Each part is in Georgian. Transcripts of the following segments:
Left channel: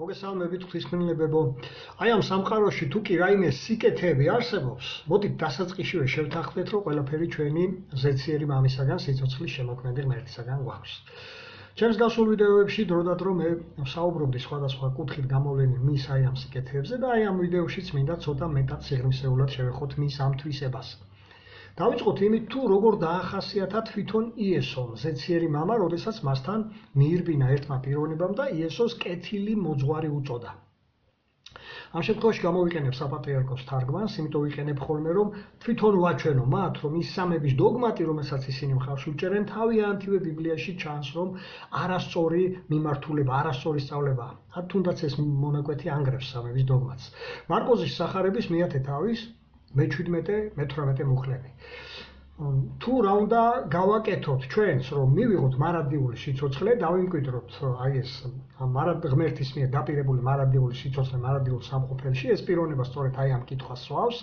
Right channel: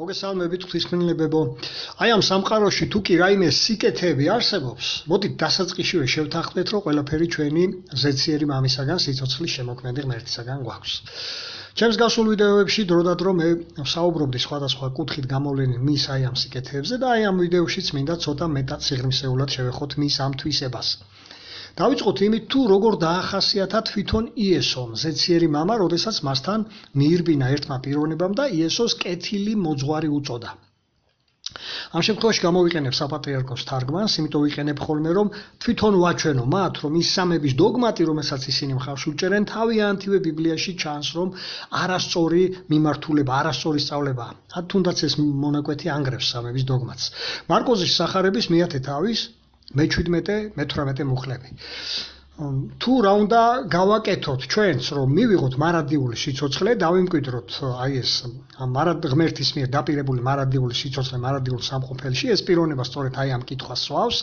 მოგესალმებით ღვთისმშობლებო. აი ამ სამყაროში თუ კი რაიმე სიკეთეები არსებობს, მოდით დასაწყისშივე შევთანხმდეთ, რომ ყველაფერი ჩვენი ზეციერი მამისაგან, სიცოცხლის შემოქმედი ღმერთისაგან გვაქვს. ჩემს გასულ ვიდეოებში დროდადრო მე ვსაუბრობდი სხვადასხვა კუთხით გამოვლენილ მის აი ამ სიკეთეებზე და აი ამ ვიდეოშიც მინდა ცოტა მეტად სიღრმისეულად შევეხოთ მის ამ თვისებას. დავიწყოთ იმით, თუ როგორ დაახასიათა თვითონ იესომ, ზეციერი მამა, როდესაც მასთან მიირბინა ერთმა პიროვნებამ და იესოს კეთილი მოძღვარი უწოდა. ამ შემთხვევაში გამოვიყენებ საპატრიარქოს თარგმანს, იმიტომ ვიყენებ ხოლმე, რომ თვითონ ვაჩვენო მათ, რომ ის სამების დოგმატი, რომელსაც ისინი მხარს უჭერენ, თავიანთივე ბიბლიაში ჩანს, რომ არასწორი მიმართულება, არასწორი სწავლება, თუნდაც ეს მონაკვეთი ანგრევს სამების დოგმატს. მარკოზის სახარების მეათე თავის მე-17-მე-18 მუხლები. თუ რა უნდა გავაკეთოთ ჩვენც, რომ მივიღოთ მარადიული სიცოცხლე, დავიმკვიდროთ აი ეს ღმერთის მიერ დაპირებული მარადიული სიცოცხლე, მარადიულ სამყოფელში, ეს პიროვნება სწორედ აი ამ კითხვას სვავს.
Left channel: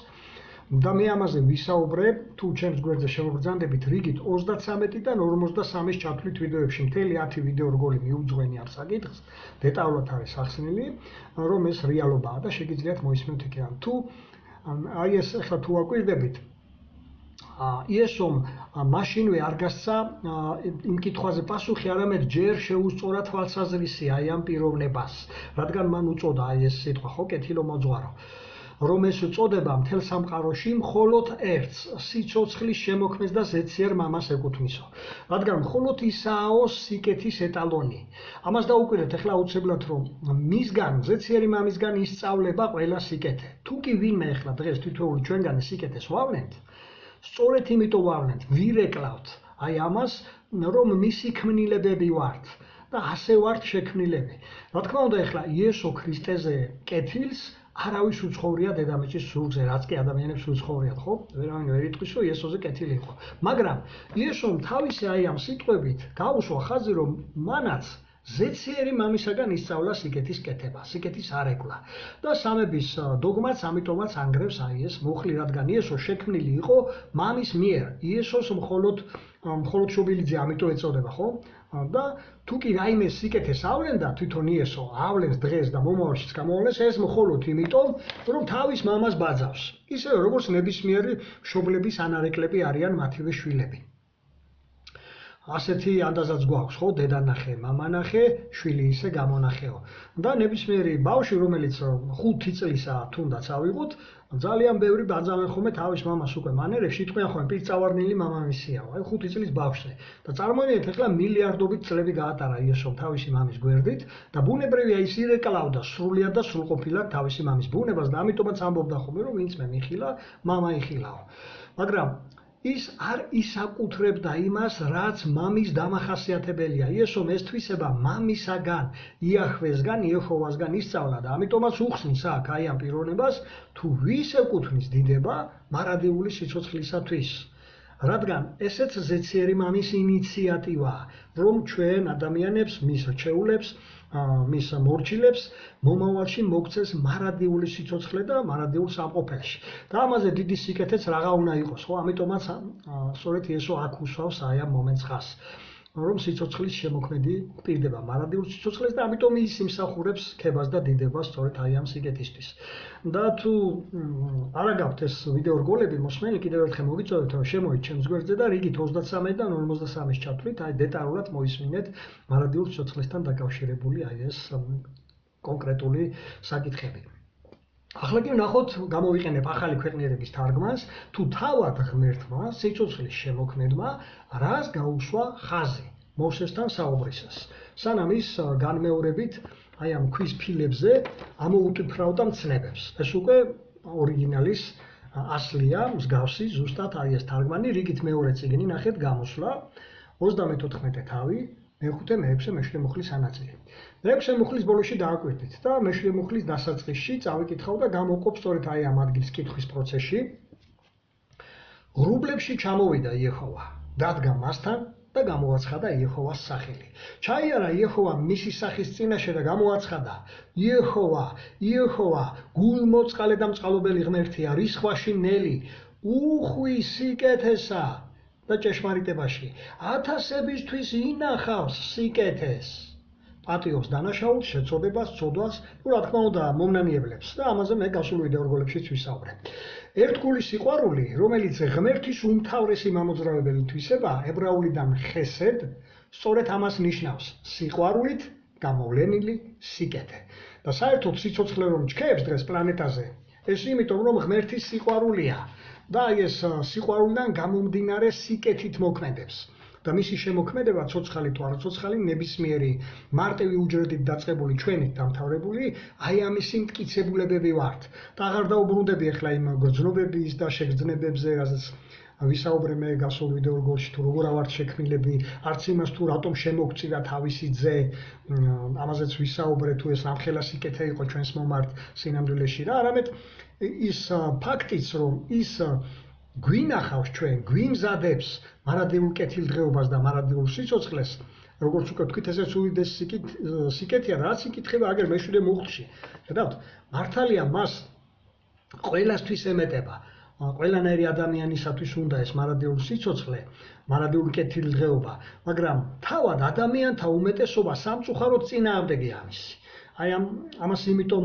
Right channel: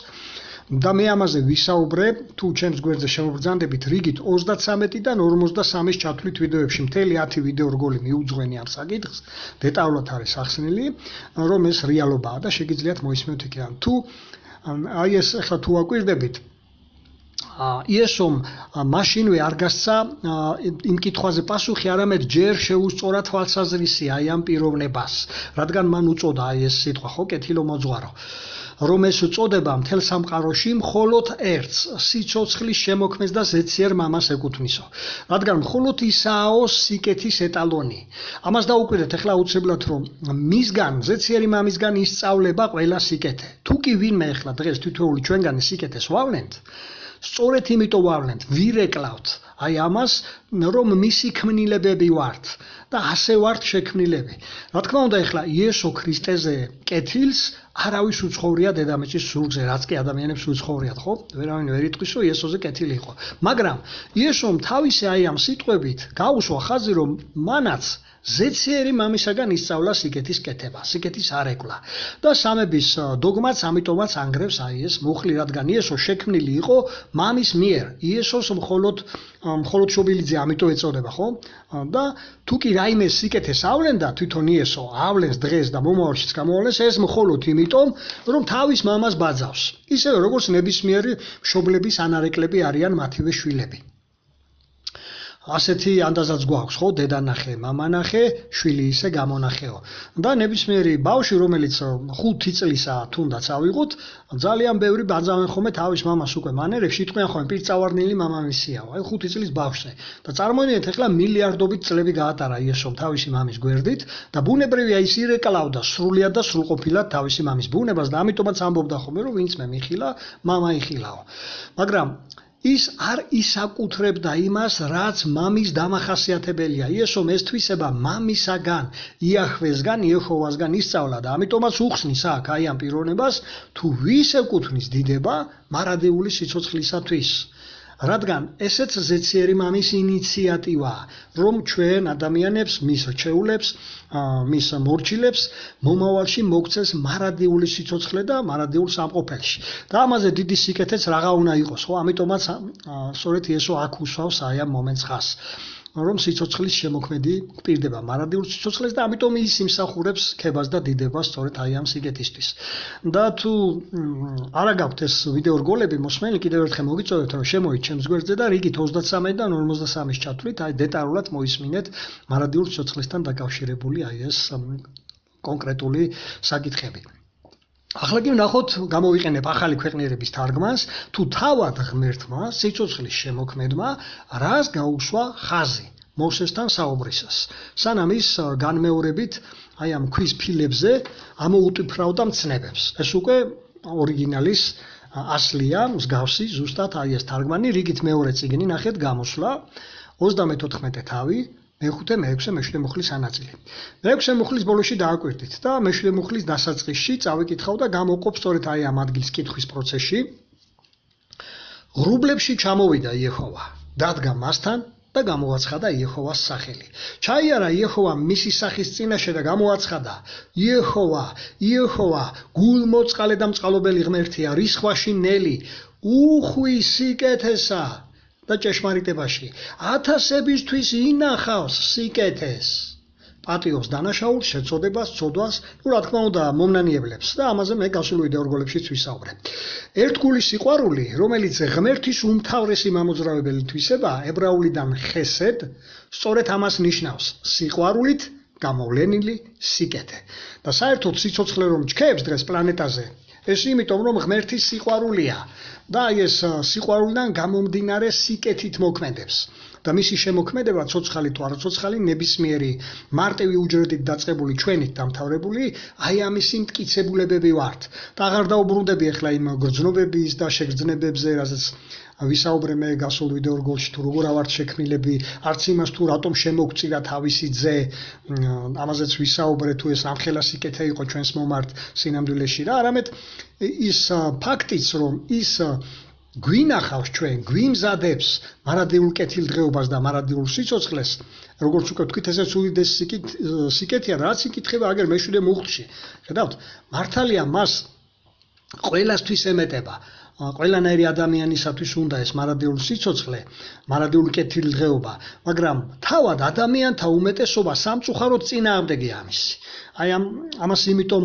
და მე ამაზე ვისაუბრე, თუ ჩემს გვერდზე შემოგბრძანდებით, რიგით 33-დან 53-ის ჩათვლით ვიდეოებში, მთელი 10 ვიდეო რგოლი მიუძღვენი ამ საკითხს, დეტალურად არის ახსნილი, რომ ეს რეალობაა და შეგიძლიათ მოისმენთ იქიდან. თუ აი ეს ახლა თუ აკვირდებით, იესომ მაშინვე არ გასცა იმ კითხვაზე პასუხი, არამედ ჯერ შეუსწორა თვალსაზრისი აი ამ პიროვნებას, რადგან მან უწოდა აი ეს სიტყვა, ხო, კეთილმოძღვარო, რომ ეს წოდება მთელ სამყაროში მხოლოდ ერთს, სიცოცხლის შემოქმედს და ზეციერ მამას ეკუთვნისო. რადგან მხოლოდ ისაო სიკეთის ეტალონი. ამას დაუკვირდეთ ახლა აუცილებლად, რომ მისგან, ზეციერი მამისგან ისწავლება ყველა სიკეთე. თუ კი ვინმე ახლა დღეს თითოეული ჩვენგანი სიკეთეს ვავლენთ, სწორედ იმიტომ ვავლენთ, ვირეკლავთ აი ამას, რომ მისი ქმნილებები ვართ და ასე ვართ შექმნილები. რა თქმა უნდა, ახლა იესო ქრისტეზე კეთილს არავის უცხოვრია დედამიწის სულზე, რაც კი ადამიანებს უცხოვრიათ, ხო? ვერავინ ვერ იტყვის, რომ იესოზე კეთილი იყო. მაგრამ იესომ თავისი აი ამ სიტყვებით გაუსვა ხაზი, რომ მანაც ზეციერი მამისაგან ისწავლა სიკეთის კეთება, სიკეთის არეკლა. და სამების დოგმაც ამიტომაც ანგრევს აი ეს მუხლი, რადგან იესო შექმნილი იყო მამის მიერ. იესოს მხოლოდ შობილიძე ამიტომ ეწოდება, ხო? და თუ კი რაიმე სიკეთეს ავლენდა თვითონ იესო, ავლენს დღეს და მომავალშიც გამოავლენს, ეს მხოლოდ იმიტომ, რომ თავის მამას ბაძავს. ისევე როგორც ნებისმიერი მშობლების ანარეკლები არიან მათივე შვილები. ასეთი ანდაზაც გვაქვს, ხო, დედა ნახე, მამა ნახე, შვილი ისე გამონახეო. და ნებისმიერი ბავშვი, რომელიც 5 წლისაა თუნდაც ავიღოთ, ძალიან ბევრი ბაძავენ ხოლმე თავის მამას უკვე მანერებში, იტყვიან ხოლმე პირწავარნილი მამამისიაო, აი 5 წლის ბავშვზე. და წარმოიდგინეთ, ახლა მილიარდობით წლები გაატარა იესომ თავისი მამის გვერდით და ბუნებრივია ის ირეკლავდა სრულიად და სრულყოფილად თავისი მამის ბუნებას და ამიტომაც ამბობდა ხოლმე, რომ ვინც მე მიხილა, მამა იხილაო. მაგრამ ის არ ისაკუთრებდა იმას, რაც მამის დამახასიათებელია. იესომ ეს თვისება მამისაგან, იაჰვესგან, იეჰოვასგან ისწავლა და ამიტომაც უხსნის აქ აი ამ პიროვნებას, თუ ვის ეკუთვნის დიდება მარადიული სიცოცხლისათვის. რადგან ესეც ზეციერი მამის ინიციატივაა, რომ ჩვენ ადამიანებს, მის რჩეულებს, მის მორჩილებს მომავალში მოგცეს მარადიული სიცოცხლე და მარადიულ სამყოფელში. და ამაზე დიდი სიკეთეც რაღა უნდა იყოს, ხო? ამიტომაც სწორედ იესო აქ უსვავს აი ამ მომენტს ხას, რომ სიცოცხლის შემოქმედი გვპირდება მარადიულ სიცოცხლეს და ამიტომ ის იმსახურებს ქებას და დიდებას სწორედ აი ამ სიკეთისთვის. და თუ არა გაქვთ ეს ვიდეო რგოლები მოსმენილი, კიდევ ერთხელ მოგიწოდეთ, რომ შემოით ჩემს გვერდზე და რიგით 33-დან 53-ის ჩათვლით, აი დეტალურად მოისმინეთ მარადიულ სიცოცხლესთან დაკავშირებული აი ეს კონკრეტული საკითხები. ახლა კი ვნახოთ, გამოვიყენებ ახალი ქვეყნიერების თარგმანს, თუ თავად ღმერთმა, სიცოცხლის შემოქმედმა, რას გაუსვა ხაზი მოსესთან საუბრისას. სანამ ის განმეორებით აი ამ ქვის ფილებზე ამოუტვიფრავდა მცნებებს. ეს უკვე ორიგინალის ასლია, მსგავსი, ზუსტად აი ეს თარგმანი, რიგით მეორე წიგნი, ნახეთ, გამოსვლა, 34 თავი, მე-5, მე-6, მე-7 მუხლის ანაწილი. მე-6 მუხლის ბოლოში დააკვირდით და მე-7 მუხლის დასაწყისში წავიკითხავ და გამოვყოფ სწორედ აი ამ ადგილს კითხვის პროცესში. ღრუბლებში ჩამოვიდა იეჰოვა, დადგა მასთან და გამოაცხადა იეჰოვას სახელი. ჩაიარა იეჰოვა მისი სახის წინაშე და გამოაცხადა: იეჰოვა, იეჰოვა, გულმოწყალე და მწყალობელი ღმერთია, რისხვაში ნელი, უხვი სიკეთესა. და ჭეშმარიტებაში 1000-ებისთვის ინახავს სიკეთეს პატიოს დანაშაულს, შეწოდებას, წოდვას, რა თქმა უნდა, მომნანიებლებს და ამაზე მე გასულ ვიდეორგოლებშიც ვისაუბრე. ერთგული სიყვარული, რომელიც ღმერთის უმთავრესი მამოძრავებელი თვისებაა, ებრაულიდან ხესედ, სწორედ ამას ნიშნავს, სიყვარულით გამოვლენილი სიკეთე. და საერთოდ სიცოცხლე რომ ჩქეებს დღეს პლანეტაზე, ეს იმიტომ რომ ღმერთის სიყვარულია და ეს სიყვარულიდან გამომდინარე სიკეთით მოქმედებს. და მისი შემოქმედება ცოცხალი თუ არაცოცხალი ნებისმიერი მარტივი უჯრედით დაწყებული ჩვენით დამთავრებული აი ამისი მტკიცებულებები ვართ. და აღარ დაუბრუნდები ახლა იმ გრძნობების და შეგრძნებებზე, რასაც ვისაუბრე მე გასულ ვიდეორგოლში, თუ როგორ ავართ შექმნილები, არც იმას თუ რატომ შემოგწირა თავისი ძე, ამაზეც ვისაუბრე, თუ ეს ამხელა სიკეთე იყო ჩვენს მომართ სინამდვილეში რა, არამედ ის ფაქტიც, რომ ის გვინახავს ჩვენ, გვიმზადებს მარადიულ კეთილდღეობას და მარადიულ სიცოცხლეს, როგორც უკვე ვთქვით, ესეც უდიდესი სიკეთეა, რაც იკითხება აგერ მეშვიდე მუხტში. ხედავთ, მართალია მას ყველასთვის ემეტება. ყველანაირი ადამიანისათვის უნდა ეს მარადიული სიცოცხლე, მარადიული კეთილდღეობა, მაგრამ თავად ადამიანთა უმეტესობა სამწუხაროდ წინააღმდეგია ამისი. აი ამას იმიტომ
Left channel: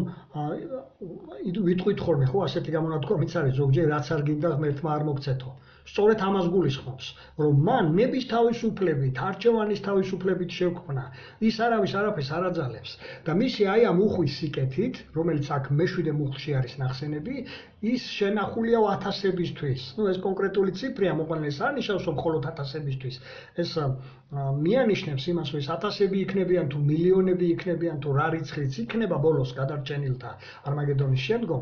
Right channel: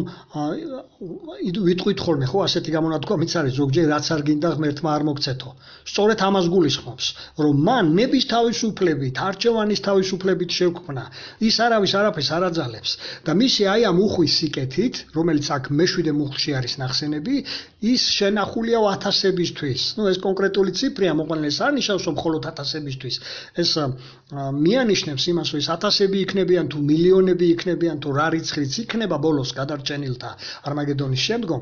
ვიტყვით ხოლმე, ხო, ასეთი გამონათქვა მიც არის ზოგჯერ რაც არ გინდა ღმერთმა არ მოგცეთო. სწორედ ამას გულისხმობს, რომ მან ნების თავისუფლებით, არჩევანის თავისუფლებით შეგვქმნა, ის არავის არაფერს არ აძალებს და მისი აი ამ უხვის სიკეთით, რომელიც აქ მეშვიდე მუხტში არის ნახსენები, ის შენახულია ათასებისთვის. ეს კონკრეტული ციფრია, მოყოლეს არ ნიშნავს რომ მხოლოდ ათასებისთვის. ეს მიანიშნებს იმას, რომ ეს ათასები იქნებიან თუ მილიონები იქნებიან თუ რა რიცხვიც იქნება ბოლოს გადარჩენილთა არმაგედონის შემდგომ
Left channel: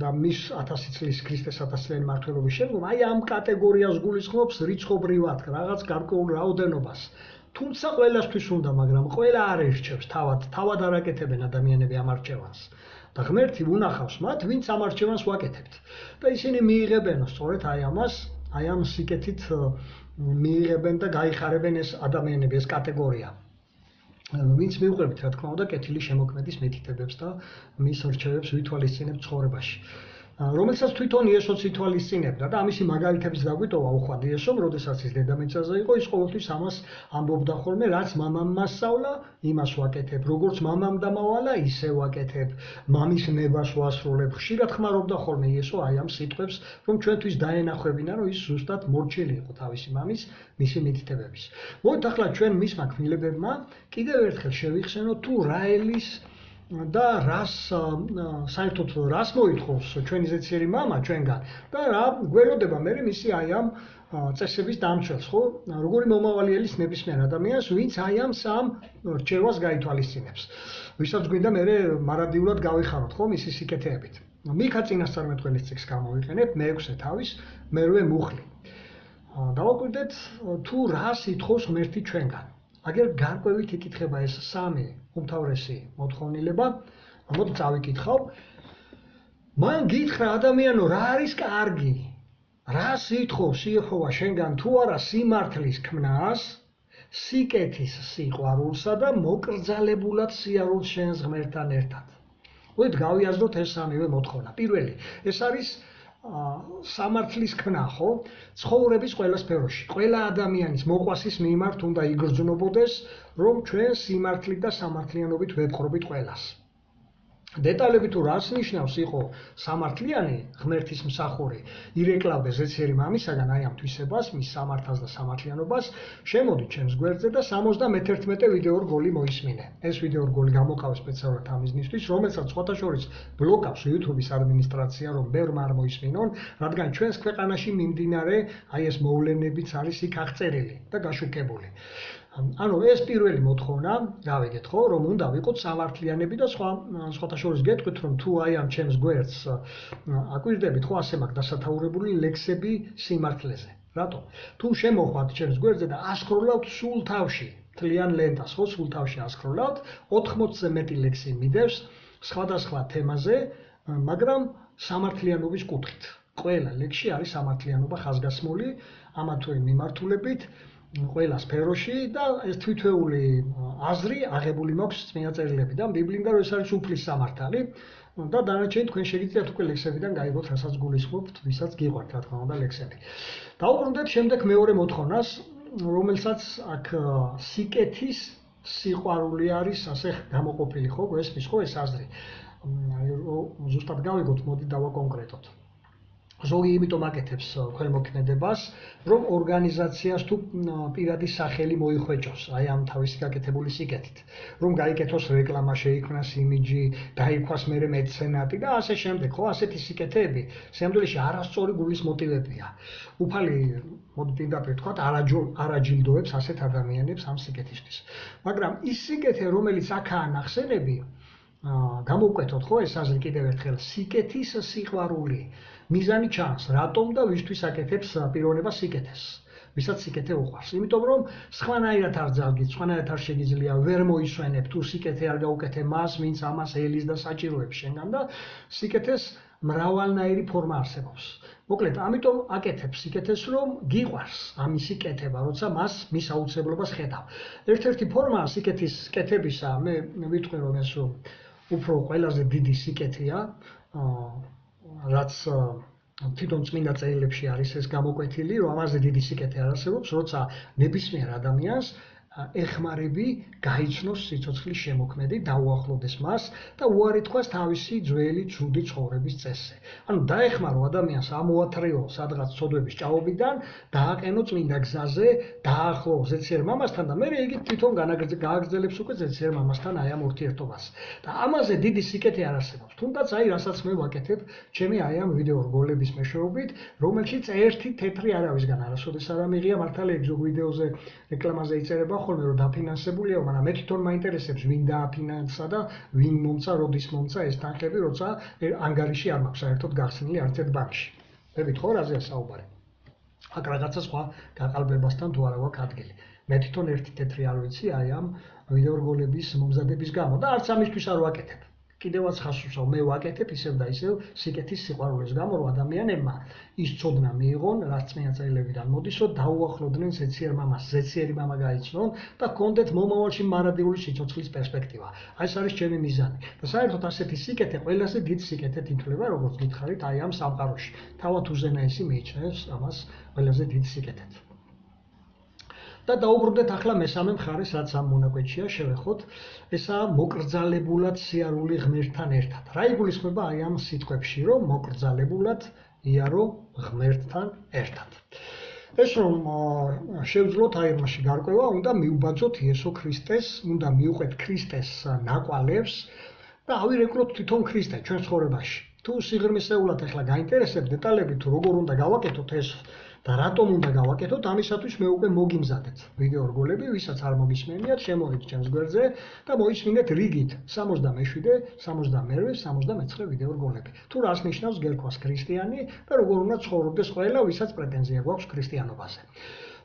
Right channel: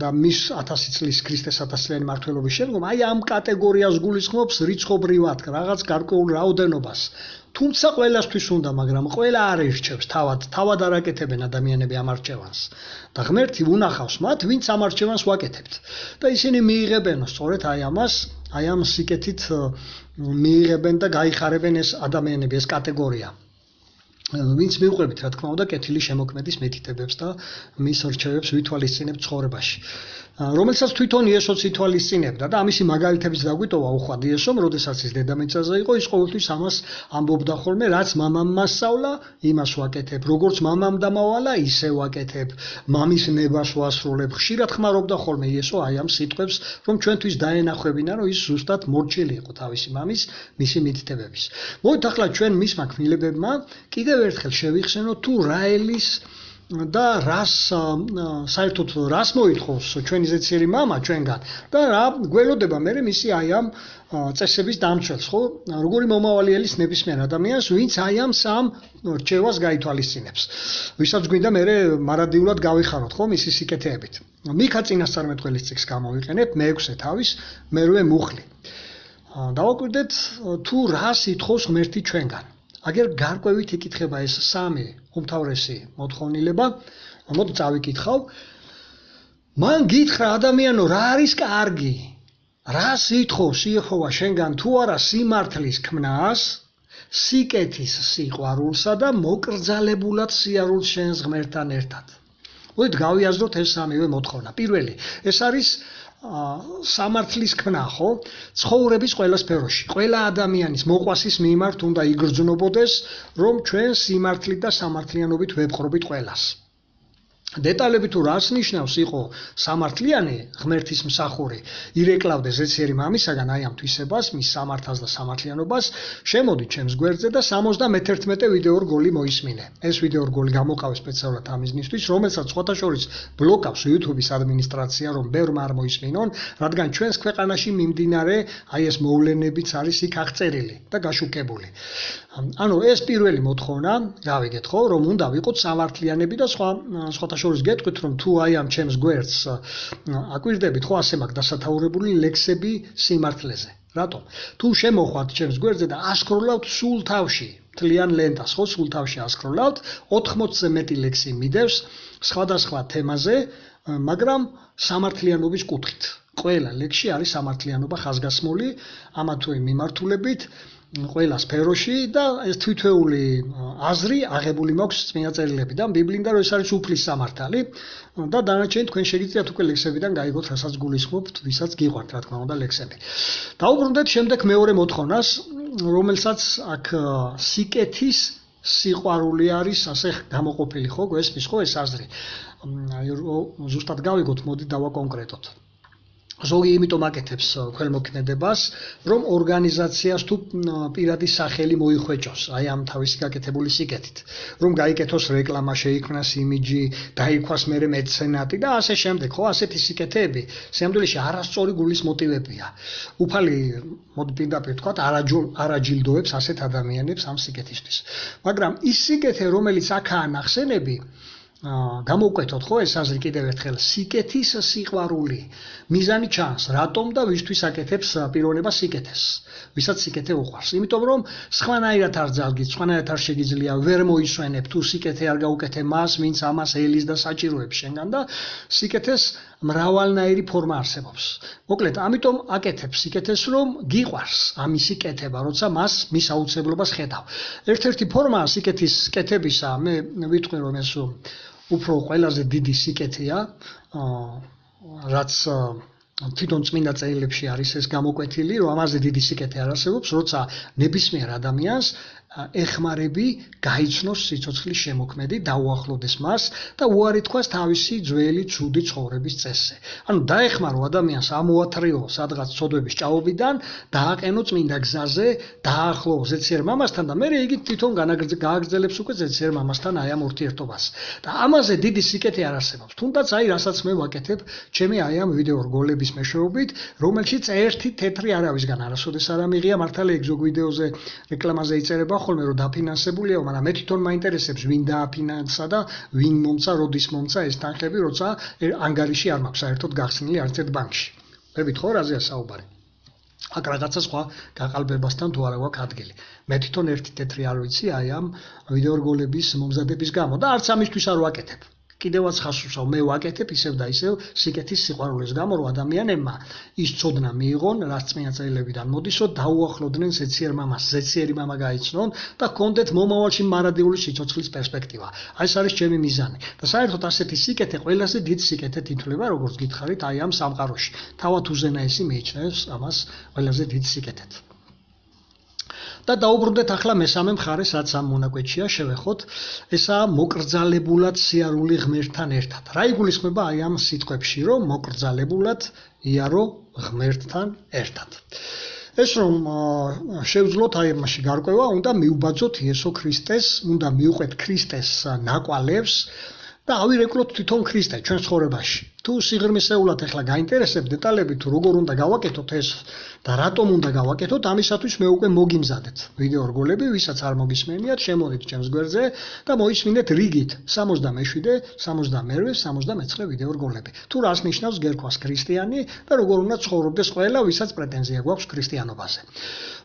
და მის 1000 წლის ქრისტეს 1000-წლიანი მმართველობის შემდგომ, აი ამ კატეგორიას გულისხმობს რიცხობრივად რაღაც გარკვეულ რაოდენობას. თუმცა ყველასთვის უნდა, მაგრამ ყველა არ ერჩევს თავად არ აკეთებენ ადამიანები ამ არჩევანს. და ღმერთი უნახავს მათ, ვინც ამ არჩევანს ვაკეთებთ. და ისინი მიიღებენ სწორედ აი ამას, აი ამ სიკეთით მიიღებენ და გაიხარებენ ეს ადამიანები, ეს კატეგორია. ვინც მიუყვებით, რა თქმა უნდა, კეთილი შემოქმედის მითითებებს და მის რჩევებს ვითვალისწინებთ ცხოვრებაში. რომელსაც თვითონ იესოც ითვალისწინებდა და ამისი მაგალითების დაგვიტოვა უხვად იესომ, როდესაც ის დედამიწაზე იყო, ის ყოველთვის ამას ამბობდა ხოლმე, რაც მამამ მასწავლა, იმას ვაკეთებ, როგორც მამამ დამავალა, ისე ვაკეთებ, მამის ნებას ვასრულებ. ხშირად ხმარობდა ხოლმე იესო აი ამ სიტყვებს, რომ ჩვენთვის დაენახვებინა, რომ ის ზუსტად მორჩილი იყო თავისი მამის, მისი მითითებების. მოდით ახლა ჩვენ მისმა ქმნილებებმა კიდევ ერთხელ შევიხსენოთ თუ რა ელის და რას საერთოდ რას მოითხოვს ჩვენი ზეციერი მამა ჩვენგან და რა გველოდება მე მისი აი ამ წესების დამცველს, ხო? როგორი მომავალი ელის ნებისმიერ ადამიანს, ვინც აი ამ სამ რჩევას გაითვალისწინებს. ვისაც გვინდა მე მარადიულად გავიხაროთ, ხო, მისი სიკეთეებით. მიქა წინასწარმეტყველის წიგნს გამოვიყენებ, მე-6 თავის, მე-8 მუხლი. დავაკვირდეთ თუ რას ითხოვს ღმერთი ჩვენგან. აგერ გარკვევით იკითხება ეს სამი უმთავრესი მოთხოვნილება, მოდი წავიკითხავ. მან გითხრა ადამიანო, რა არის კარგი? რას ითხოვს იეჰოვა შენგან თუ არა სიმართლის ქმნას, სიკეთის სიყვარულსა და მოკრძალებულად სიარულს შენს ღმერთთან ერთად. მოდით გავიაზროთ ეს სამივე მოთხოვნა. პირველი, ეს არის სამართლის ქმნა, ხო? ცხოვრების ყველა სფეროში, ყველა ადამიანის მოყვასის მიმართ უნდა იგრძნობოდეს, რომ ჩვენ სიმართლით და სამართლიანობით ვეპყრობით ყველას. დეტალები თუ რას ნიშნავს იყო სამართლიანი ღმერთის მსახური, ირეკლავდე ზეციერი მამისაგან აი ამ თვისებას, მის სამართალს და სამართლიანობას, შემოდი ჩემს გვერდზე და 71 ვიდეორგოლი მოისმინე. ეს ვიდეორგოლი გამოყავ სპეციალურად ამ მიზნისთვის, რომელსაც სხვათა შორის ბლოკავს YouTube-ის ადმინისტრაცია, რომ ბევრმა არ მოისმინონ, რადგან ჩვენს ქვეყანაში მიმდინარე აი ეს მოვლენებიც არის იქ აღწერილი და გაშუქებული. ანუ ეს პირველი მოთხოვნა, გავიგეთ ხო, რომ უნდა ვიყოთ სამართლიანები და სხვათა შორის გეტყვით, რომ თუ აი ამ ჩემს გვერდს აკვირდებით, ხო, ასე მაქვს დასათაურებული ლექსები სიმართლეზე. რატომ? თუ შემოხვათ ჩემს გვერდზე და ასკროლავთ სულ თავში, მთლიან ლენტას, ხო, სულ თავში ასკროლავთ, 80-ზე მეტი ლექსი მიდევს სხვადასხვა თემაზე, მაგრამ სამართლიანობის კუთხით. ყველა ლექსში არის სამართლიანობა ხაზგასმული, ამა თუ იმ მიმართულებით. ყველა სფეროში და ეს თვითეული აზრი აღებული მაქვს წმინდა წერილებიდან, ბიბლიიდან, რომ ეს არის უფლის სამართალი და დანარჩენი თქვენ შეგიძლიათ უკვე ლექსებიდან გაიგოთ, რასაც გულისხმობთ, ვისაც გიყვართ, რა თქმა უნდა, ლექსები. დავუბრუნდეთ შემდეგ მეორე მოთხოვნას, რომელსაც აქ სიკეთის სიყვარული არის ასე გამოყოფილი, ხო, გვესმის ხო ეს აზრი. ზუსტად გავიგოთ, მოდი დავაკონკრეტოთ. ზოგი იმიტომ აკეთებს ქველმოქმედებას, რომ ორგანიზაციას თუ პირადი სახელი მოიხვეჭოს, აი ამ თავისი გაკეთებული სიკეთით, რომ გაიკეთოს რეკლამა, შეიქმნას იმიჯი, დაიქვას მერე მეცენატი და ასე შემდეგ, ხო, ასეთი სიკეთეები სიამდვილეში არასწორი გულის მოტივებია. უფალი, მოდი პირდაპირ ვთქვათ, არაჯილდოებს ასეთ ადამიანებს ამ სიკეთისთვის. მაგრამ ის სიკეთე, რომელიც აქაა ნახსენები, გამოვკვეთოთ ხო ეს აზრი კიდევ ერთხელ, სიკეთის სიყვარული. მიზანი ჩანს, რატომ და ვისთვის აკეთებს პიროვნება სიკეთეს. ვისაც სიკეთე უყვარს. იმიტომ რომ სხვანაირად არ ძალგით, სხვანაირად არ შეგიძლია ვერ მოისვენებ თუ სიკეთე არ გაუკეთე მას, ვინც ამას ელის და საჭიროებს შენგან და სიკეთეს მრავალნაირი ფორმა არსებობს. მოკლედ, ამიტომ აკეთებს სიკეთეს, რომ გიყვარს ამისი კეთება, როცა მას მის აუცილებლობას ხედავ. ერთ-ერთი ფორმა სიკეთის კეთებისა, მე ვიტყვი რომ ეს უფრო ყველაზე დიდი სიკეთეა, რაც თვითონ წმინდა წერილებში არის ეს გამოკვეთილი, რომ ამაზე დიდი სიკეთე არ არსებობს, როცა ნებისმიერ ადამიანს ეხმარები გაიცნოს სიცოცხლის შემოქმედი, დაუახლოვდეს მას და უარი თქვას თავისი ძველი ცუდი ცხოვრების წესზე. ანუ დაეხმარო ადამიანს ამოათრეო სადღაც ცოდვების ჭაობიდან, დააყენო წმინდა გზაზე, დაახლოვო ზეციერ მამასთან და მე იგი თვითონ გააგრძელებს უკვე ზეციერ მამასთან აი ამ ურთიერთობას. და ამაზე დიდი სიკეთე არ არსებობს. თუნდაც აი რასაც მე ვაკეთებ, ჩემი აი ამ ვიდეო რგოლების მეშვეობით, რომელშიც ერთი თეთრი არავისგან არასოდეს არ ამიღია, მართალია ეგ ზოგ ვიდეოზე რეკლამაზე იწერება ხოლმე რომ დაფინანსებულია, მაგრამ მე თვითონ მაინტერესებს ვინ დააფინანსა და ვინ მომცა, როდის მომცა ეს თანხები, როცა ანგარიში არ მაქვს საერთოდ გახსნილი არც ერთ ბანკში. ვებით ხო რაზეა საუბარი? აქ რაღაცა სხვა გაყალბებასთან თუ არა გვაქვს ადგილი. მე თვითონ ერთი თეთრი არ ვიცი აი ამ ვიდეო რგოლების მომზადების გამო და არც ამისთვის არ ვაკეთებ. კიდევაც ხას უსვავ, მე ვაკეთებ ისევ და ისევ სიკეთის სიყვარულის გამო, რომ ადამიანებმა ის ცოდნა მიიღონ, რაც წმინდა წერილებიდან მოდის, რომ დაუახლოვდნენ ზეციერ მამას, ზეციერი მამა გაიცნონ და ჰქონდეთ მომავალში მარადიული სიცოცხლის პერსპექტივა. აი ეს არის ჩემი მიზანი. და საერთოდ ასეთი სიკეთე ყველაზე დიდ სიკეთედ ითვლება, როგორც გითხარით, აი ამ სამყაროში. თავად უზენაესი მიიჩნევს ამას ყველაზე დიდ სიკეთედ. და დაუბრუნდეთ ახლა მესამე მხარეს, რაც ამ მონაკვეთშია, შევეხოთ, ესაა მოკრძალებულად სიარული ღმერთთან ერთად. რა იგულისხმება აი ამ სიტყვებში, რომ მოკრძალებულად იარო ღმერთთან ერთად. ეს რომ შევძლოთ აი ამაში გარკვევა, უნდა მიუბაძოთ იესო ქრისტეს, უნდა მიუყვეთ ქრისტეს ნაკვალევს და ავირეკლოთ თვითონ ქრისტე ჩვენ ცხოვრებაში. თუ სიღრმისეულად ახლა გაინტერესებთ დეტალები, თუ როგორ უნდა გავაკეთოთ ეს და რატომ უნდა გავაკეთოთ, ამისათვის მე უკვე მოგიმზადეთ ვიდეო რგოლები, ვისაც არ მოგისმენიათ, შემოდით ჩემს გვერდზე და მოისმინეთ რიგით 67, 62, 69 ვიდეო რგოლები. თუ რას ნიშნავს გერქვას ქრისტიანი და როგორ უნდა ცხოვრობდეს ყველა, ვისაც პრეტენზია გვაქვს ქრისტიანობაზე.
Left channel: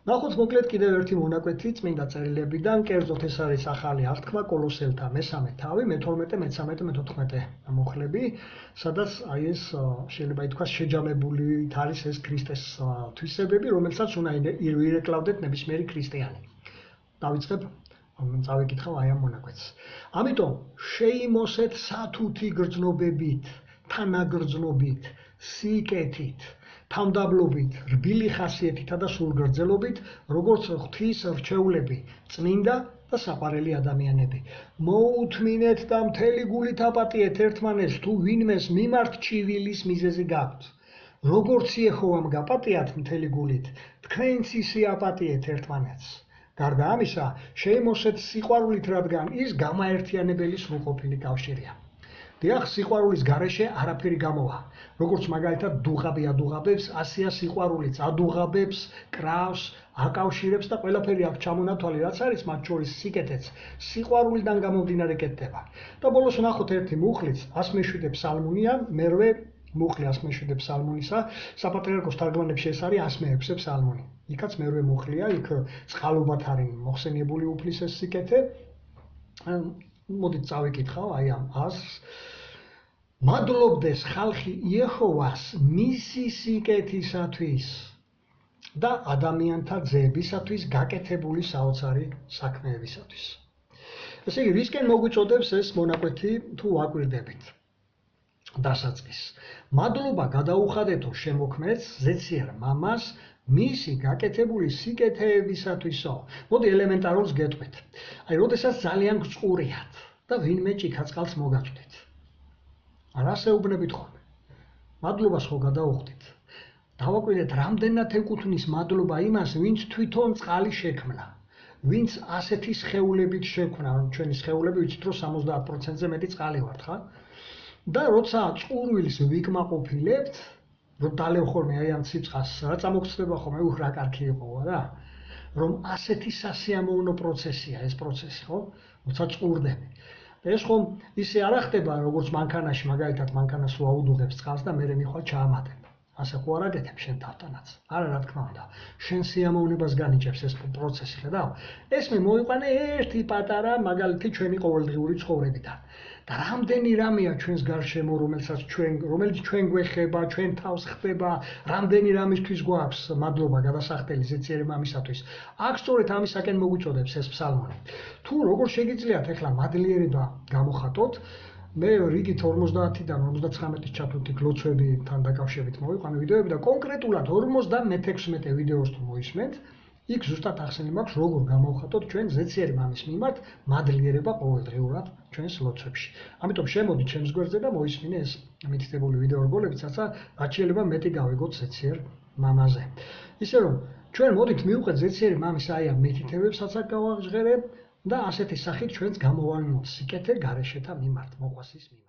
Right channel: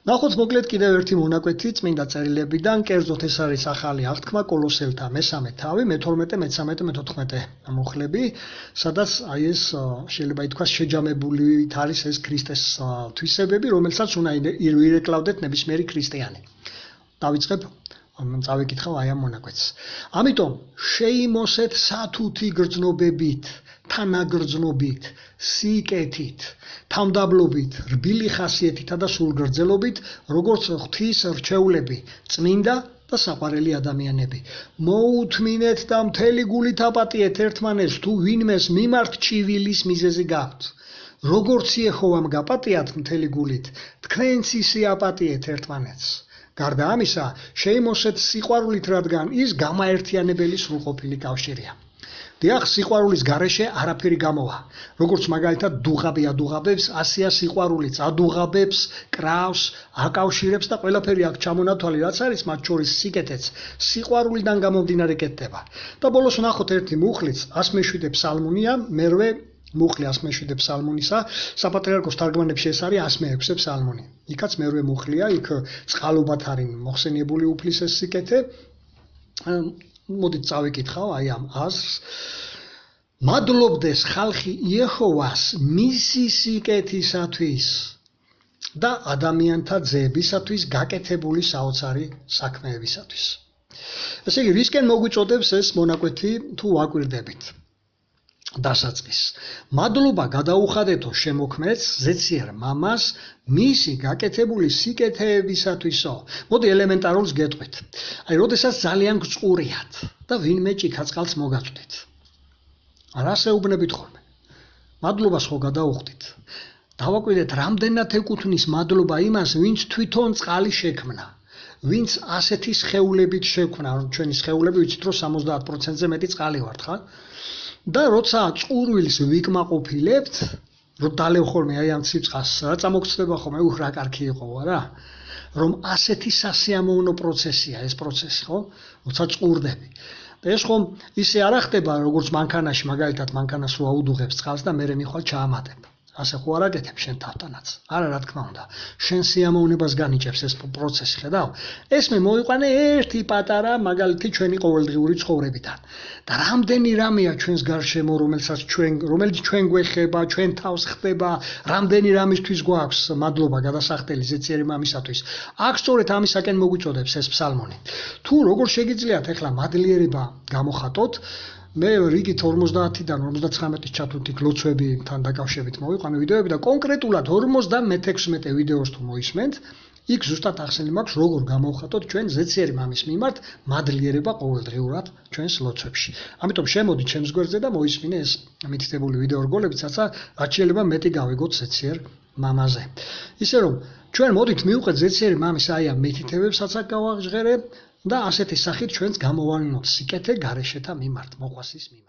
ნახოთ მოკლედ კიდევ ერთი მონაკვეთი წმინდა წერილებიდან, კერძოდ ეს არის ახალი აღთქმა კოლოსელთა მესამე თავი, მე-12, მე-13, მე-14 მუხლები, სადაც აი ეს შეიძლება ითქვას შეჯამებული არის ეს ქრისტეს თვისებები, რომელსაც უნდა ირეკლავდეთ ნებისმიერი ქრისტიანი. დავიწყებ, წავიკითხავ აი ამ მონაკვეთს. ამიტომ შეიმოსეთ სათუთი გრძნობებით, თანაგრძნობით, სიკეთით, თავმდაბლობით, რბილი ხასიეთითა და სულგრძელობით, როგორც ღვთის რჩეულები, წმინდა და საყვარელი ადამიანები. მოუთმინეთ და მთელი გულით აპატიეთ ერთმანეთს, თუ ვინმეს მიმართ ჭივილის მიზეზი გაქვთ. როგორც იეჰოვამ გაპატიათ მთელი გულით, თქვენც ისე აპატიეთ ერთმანეთს. გარდა ამისა, შეიმოსეთ სიყვარულით, რადგან ის გამაერთიანებელი სრულყოფილი კავშირია. დიახ, სიყვარულის გარეშე არაფერი გამოვა. როგორც მაგალითად დუღაბი ადუღაბებს, ასეა სიყვარულიც ადუღაბებს, კრავს, აკავშირებს და ყველაფერი აქ ჩამონათვალი, რაც არის მათ შორის სიკეთეც, სიყვარულიდან გამომდინარე კეთდება. და ბოლოს ვნახოთ ერთი მუხლიც, 107 ფსალმუნია, მერვე მუხლი 107 ფსალმუნისა, საპატრიარქოს თარგმანებში ეს არის 106 ფსალმუნი. იქაც მერვე მუხლია, იქ წყალობათ არის მოხსენიებული უფლის ეს სიკეთე. მოდით წავიკითხავ აი ამ აზრს. მადლობდეს ხალხი იეჰოვას მისი სიკეთისათვის და ადამიანთა ძეებისათვის გაკეთებული საოცარი საქმეებისათვის. ესე იგი, ვისკენ მოგვიწოდებს ეს მონაკვეთი თუ ვაკვირდებით? დასაწყისს. მადლობა გადაუხადეთო შემოქმედს, ზეციერ მამას, მისი გაკეთებული სიკეთეებისათვისო. მოდი ელემენტარულს გეტყვით. აი, როდესაც ძალიან გწყურიათ და ვინმე ჭიქაწყალს მოგაწვდით. რას ეუბნებით ხოლმე? მადლობას ხო გადაუხდით. დავაკვირდეთ, რამდენად ეკუთვნის მადლობა იმას, ვინც თვითონ წყალი შექმნა. ვინც ასეთი სხეულებით შექმნა, ჩვენი სხეულები ვიცით, რომ 70%-ზე მეტი წყალი ვართ, ხა? და როცა წყურვილს ვიკმაყოფილებთ, რომ დალევ ხოლმე აი ამ ცივწყალს, რა წამოგწდება ხოლმე, რა კარგი იყო რა. რომ ასეთი სასიამოვნო პროცესია ეს პროცესი, ხო? როცა წყურდები. და ეს ხომ ისე არ ხდება, როგორც მანქანაში, მაგალითად მანქანას რო აუდუღებს წყალს და მერე მიხვალ ჩაამატებ. ასე ხო არ აკეთებ შენ თავთანაც. არა, რა თქმა უნდა. შენ სიამოვნებას განიჭებს ეს პროცესი, ხედავ? ეს მე მოიყვანე ერთი პატარა მაგალითი ჩვენი ყოველდღიური ცხოვრებიდან. და რამდენი რამეა ჩვენს გარშემო, რომელიც ჩვენ გვეხება, ჩვენ თავს ხდება, რამდენი რამისთვის გვაქვს მადლობა გადასახდელი ზეციერი მამისათვის. აქ სწორედ ამისაკენ მოგვიწოდებს ეს ფსალმონი. თუ როგორ შეგიძლიათ ახლა მადლიერება გამოხატოთ, მე რიგით 50-დან 59-ის ჩათვლით ლოცვებთან დაკავშირებით მოვიყვანე ვიდეოები და კონკრეტულად 56 ვიდეოს თუ მოისმენთ, იქ ზუსტად ახსენე მაქვს როგორ გამოვხატოთ ჩვენ ზეციერი მამის მიმართ მადლიერება ყოველდღიურად ჩვენს ლოცვებში. ამიტომ შემოდით ჩემს გვერდზე და მოისმინე ეს მითითებული ვიდეო რგოლები, რაცა რაც შეიძლება მეტი გავიგოთ ზეციერ მამაზე. ისე რომ ჩვენ მოდით მივუყეთ ზეციერი მამის აი ამ მითითებებსაც გავაღჟღერებ და ასეთი სახით ჩვენს გამოვალინოთ სიკეთე გარეშეთა მიმართ, მოყვასის მიმართ.